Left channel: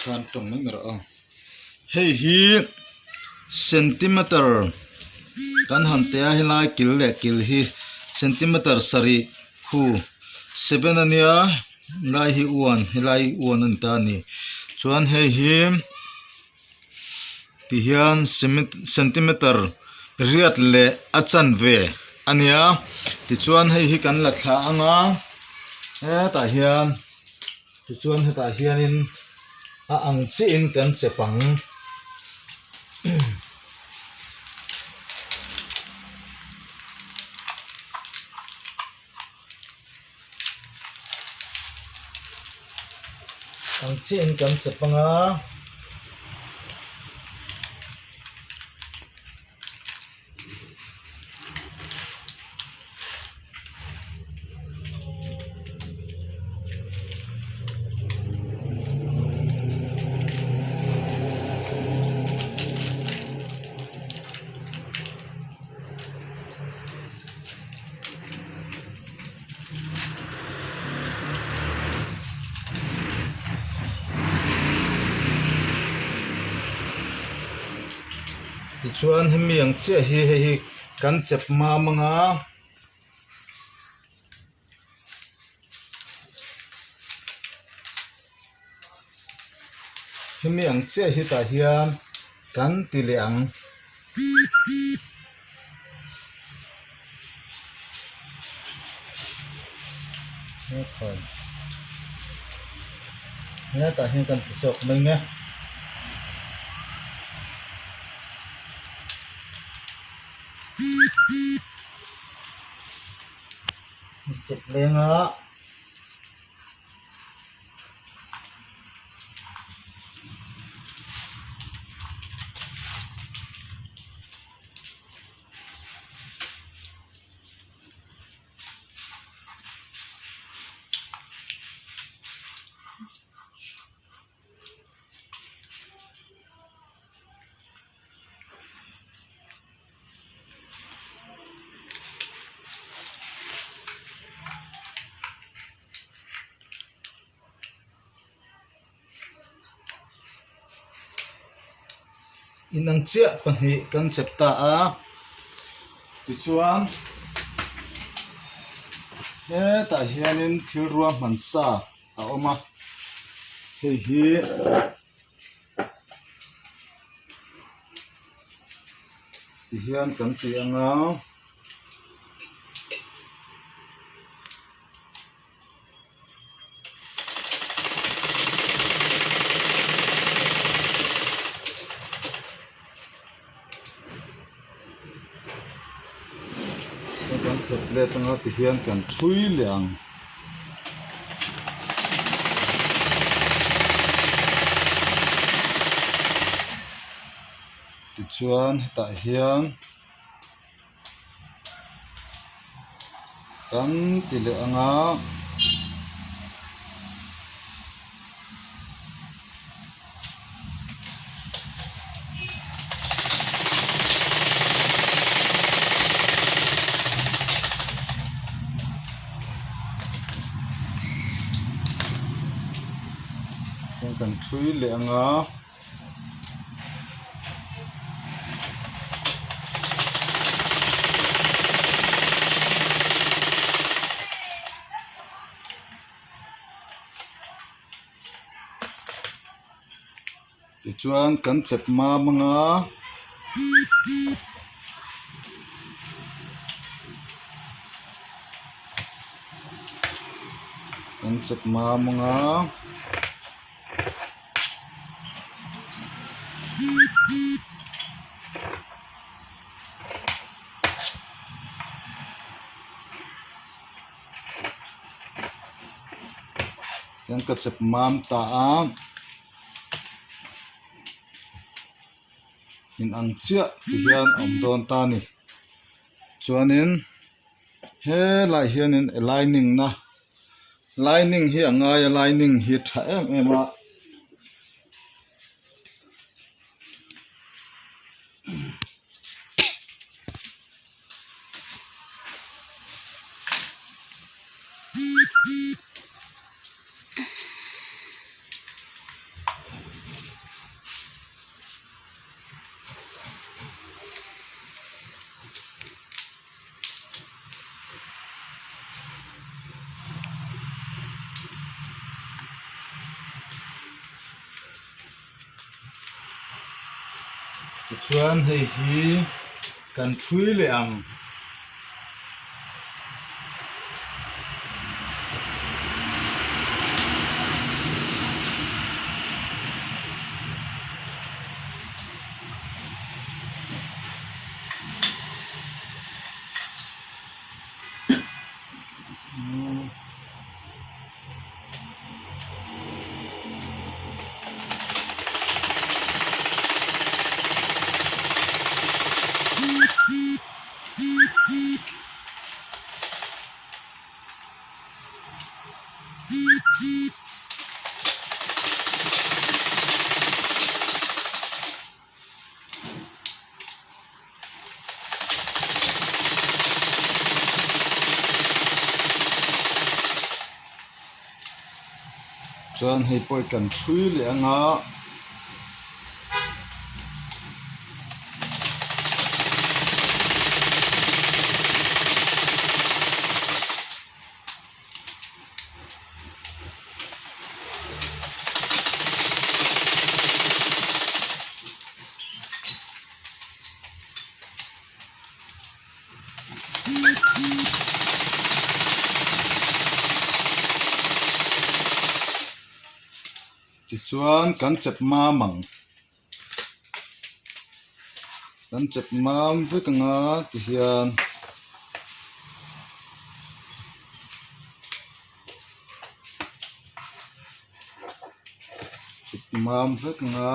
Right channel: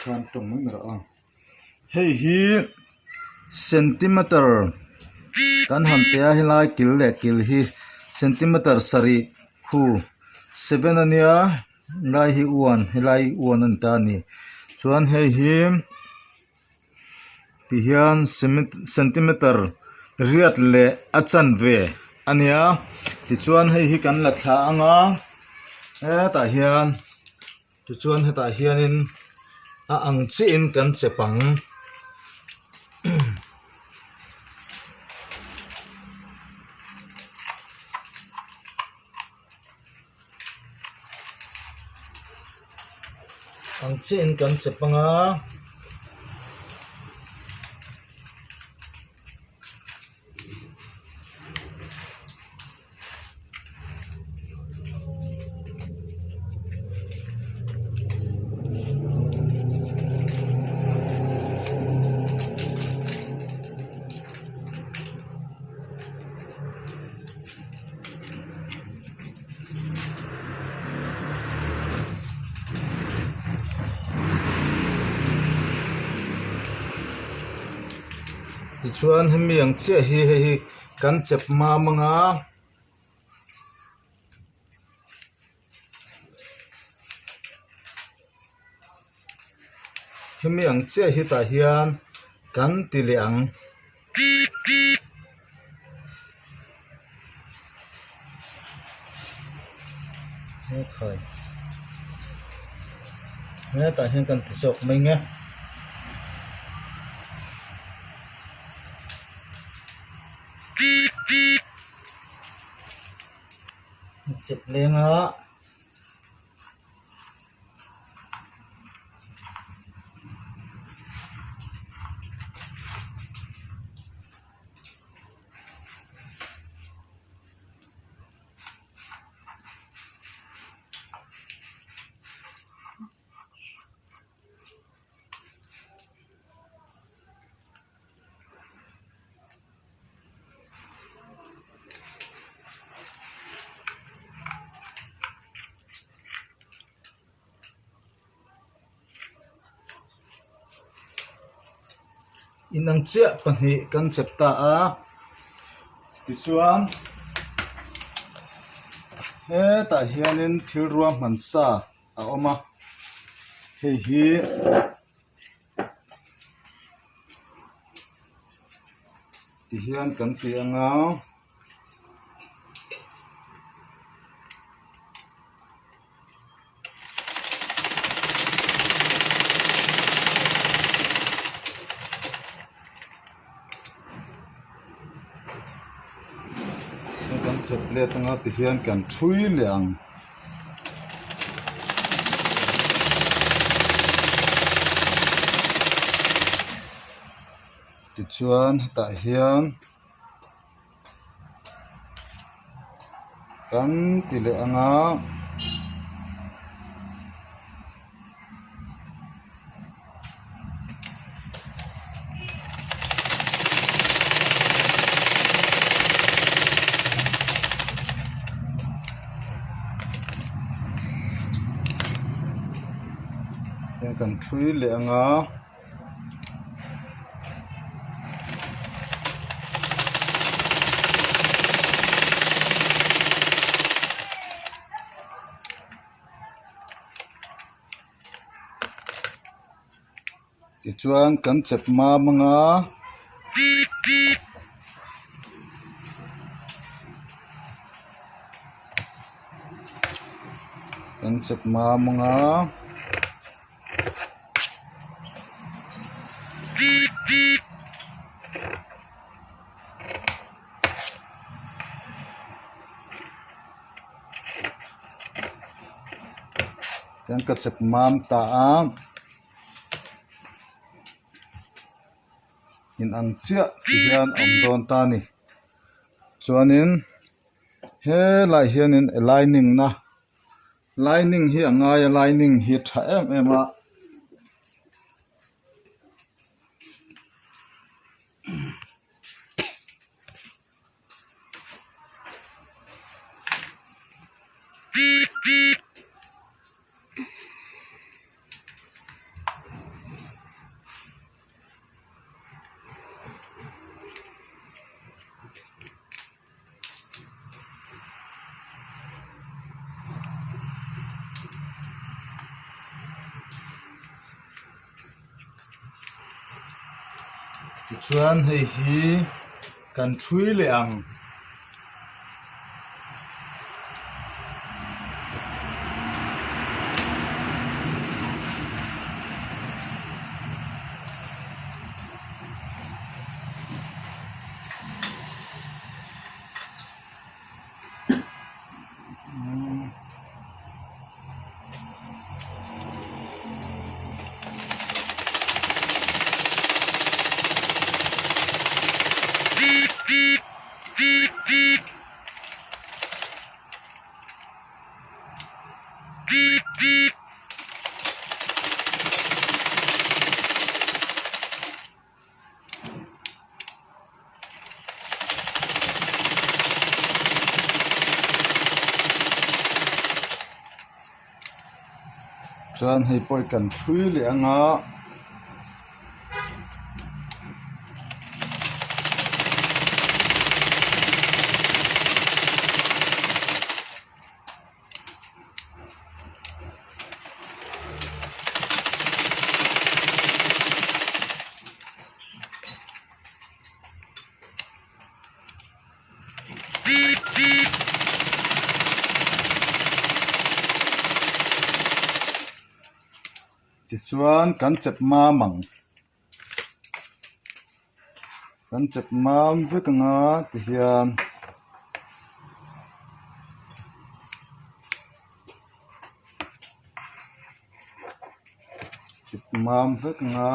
khan tong mai mera a hei hi centimeter kan ham te a hilai kil le kil hi centimeter sari hu 7 ania lai hi 1 hilai 1 an ta ni chuan hei hi ti hian centimeter riat le achan ve ania ti chuan hei hi kan la thla anga ta hian ti chuan heta hianin a ang chi in kan chepang ang chi in kan chepanga ti chuan hemi ang che hi kan chep ma manga hemi ang che hi ta hian kan ti le ang he khai he ta hian kan ti sok mai nge chep lenga inang chia pahnih kan chep ta a ti chuan he ta hianin thil ruam hmansa a awma hei hi ti hian kan ti anga le tanga ti hian kan thui leang ti chuan ta hian kan ti le anga kan thui le anga ti chuan kan chep ma manga kan chep ma manga kan ka chep mam ta a in ang chia ti hian om don ta ni chuanin he lai hianin lining na lining hi angai lining hi tha em a chuan hei hi kan thui le ang chuan hei pawh kan thui le anga chuan kan chep mam ang kan chep mam vek anga ti hian chep mam vek anga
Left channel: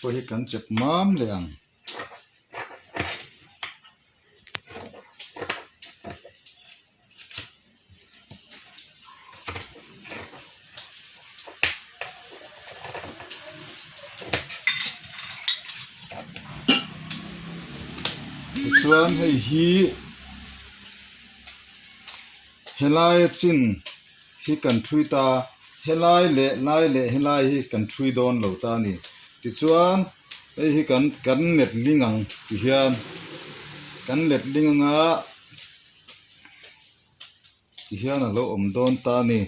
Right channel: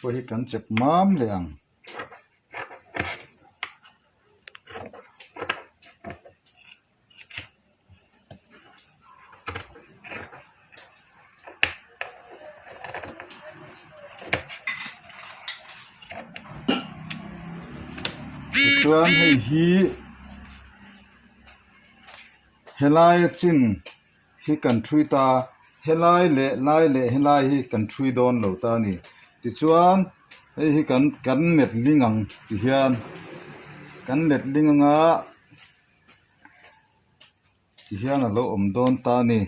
pawh hi kan chep mam le ang chuan hei hi helai chin hi kan thui ta helai le helai hi kan thui don lo ta ni ti chuan hei hi kan net lingang ti hian kan let linganga ti hian a lo om don ta ni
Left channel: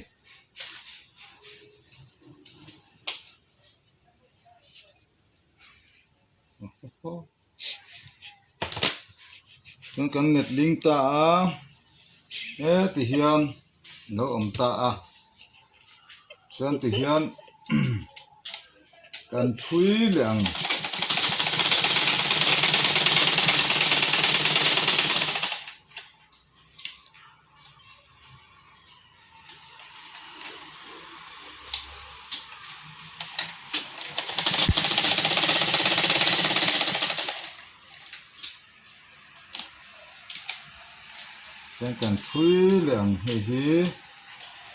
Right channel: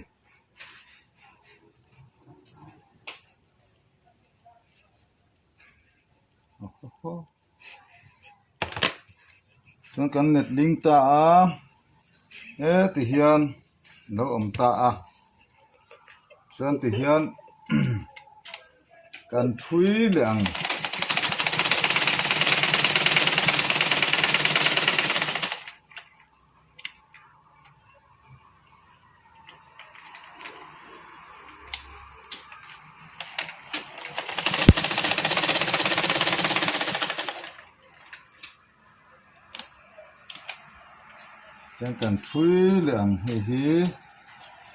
chuan kan net ling ta a ti hian lo om ta a chuan ti hian kan thui le ang chuan kan thui le ang hei hi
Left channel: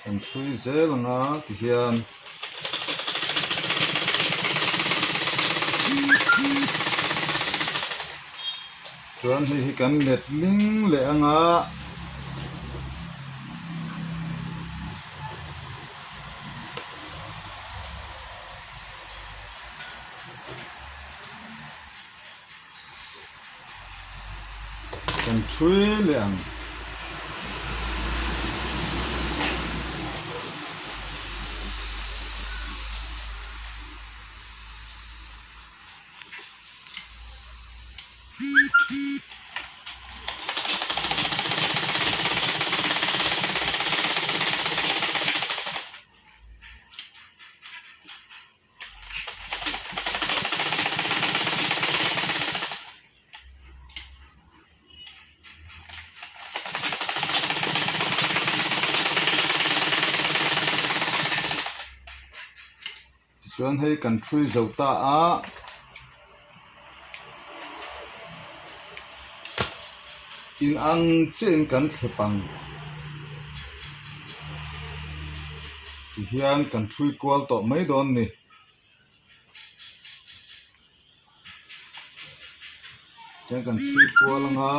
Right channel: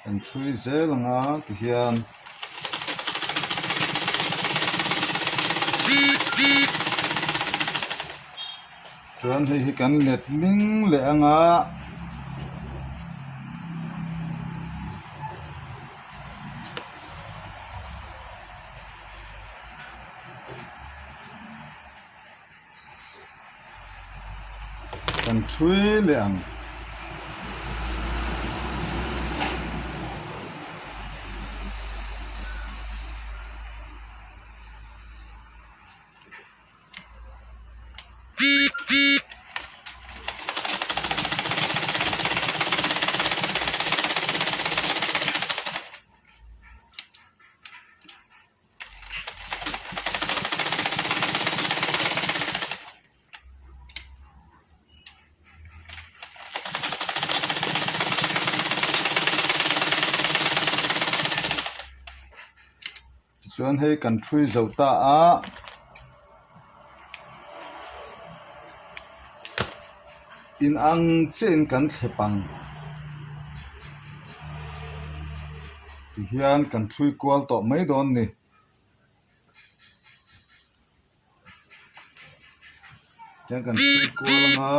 kan thui zel anga ti hian chuan hei hi kan let ling le anga kan thui le ang chuan hei kan thui zo ta a in ang chen kan thlepang ti hian kan thui kual to mai don ni chuan kan thui kual anga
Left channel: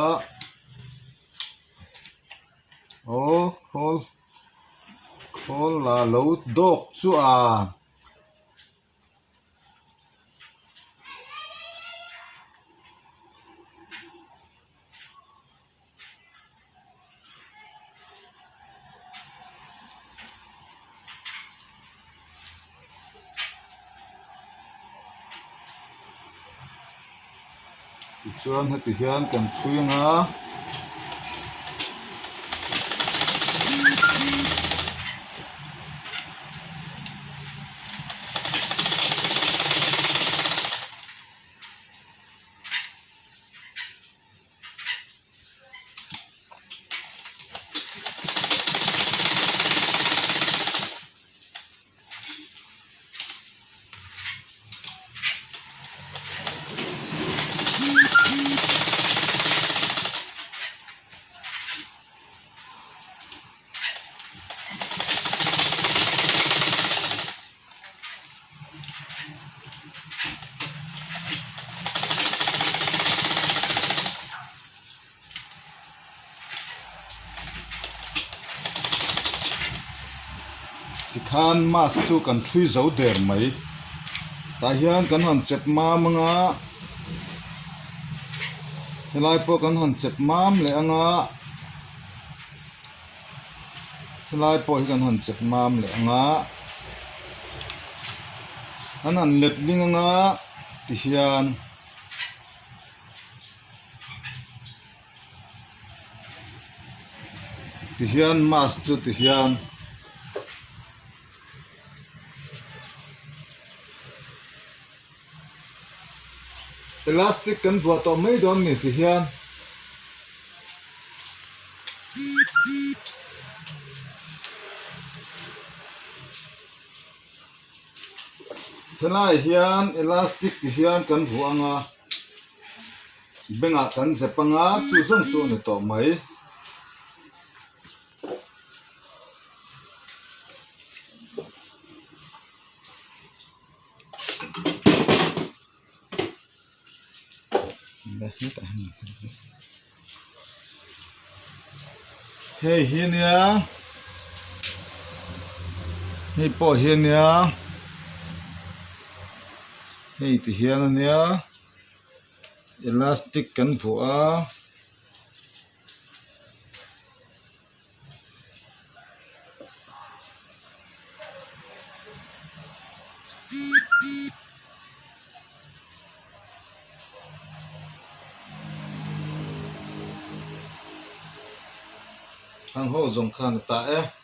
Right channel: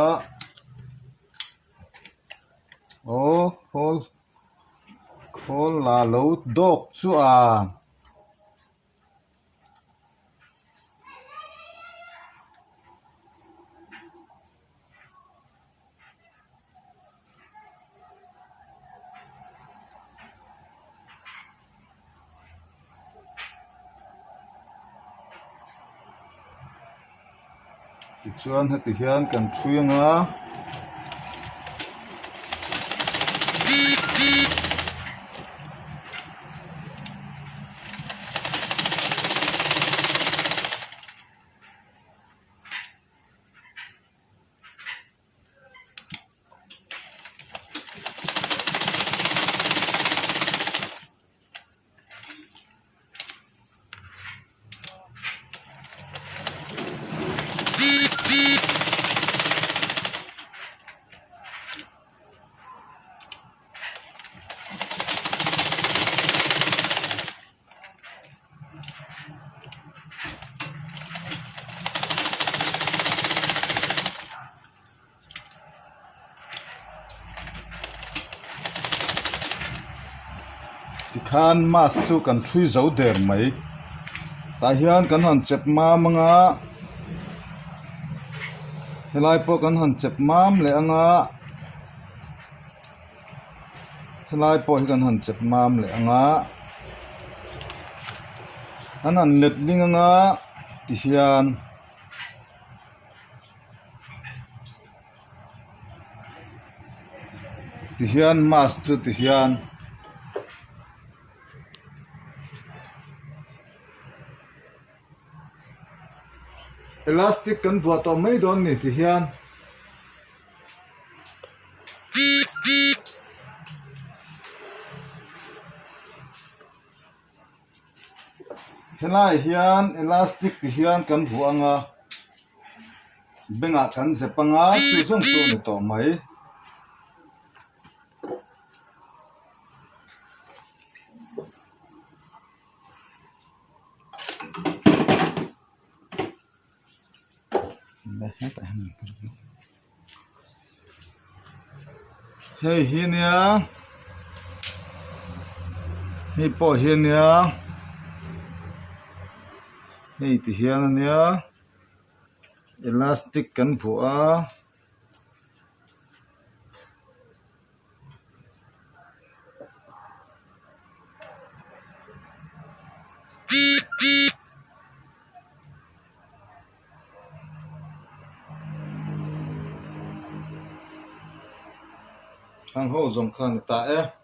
hol la lo dok chu a ti chuan heti hian kan thui anga ti khan mas chu kan thui zo der mai ta hian kan han chet ma manga helai po kan han chet mam le anga helai po hi kan han chet mam le anga an han let ling anga ti hian mas chu ti hian elastic kan vua to mai don ni ti hian helai hian elastic ti hian kan vu anga benga kan zepanga chu zong chu ni to mai hei hian ya hei po hian ya hei ti hian ania elastic kan vu a ang ho zong khan ta e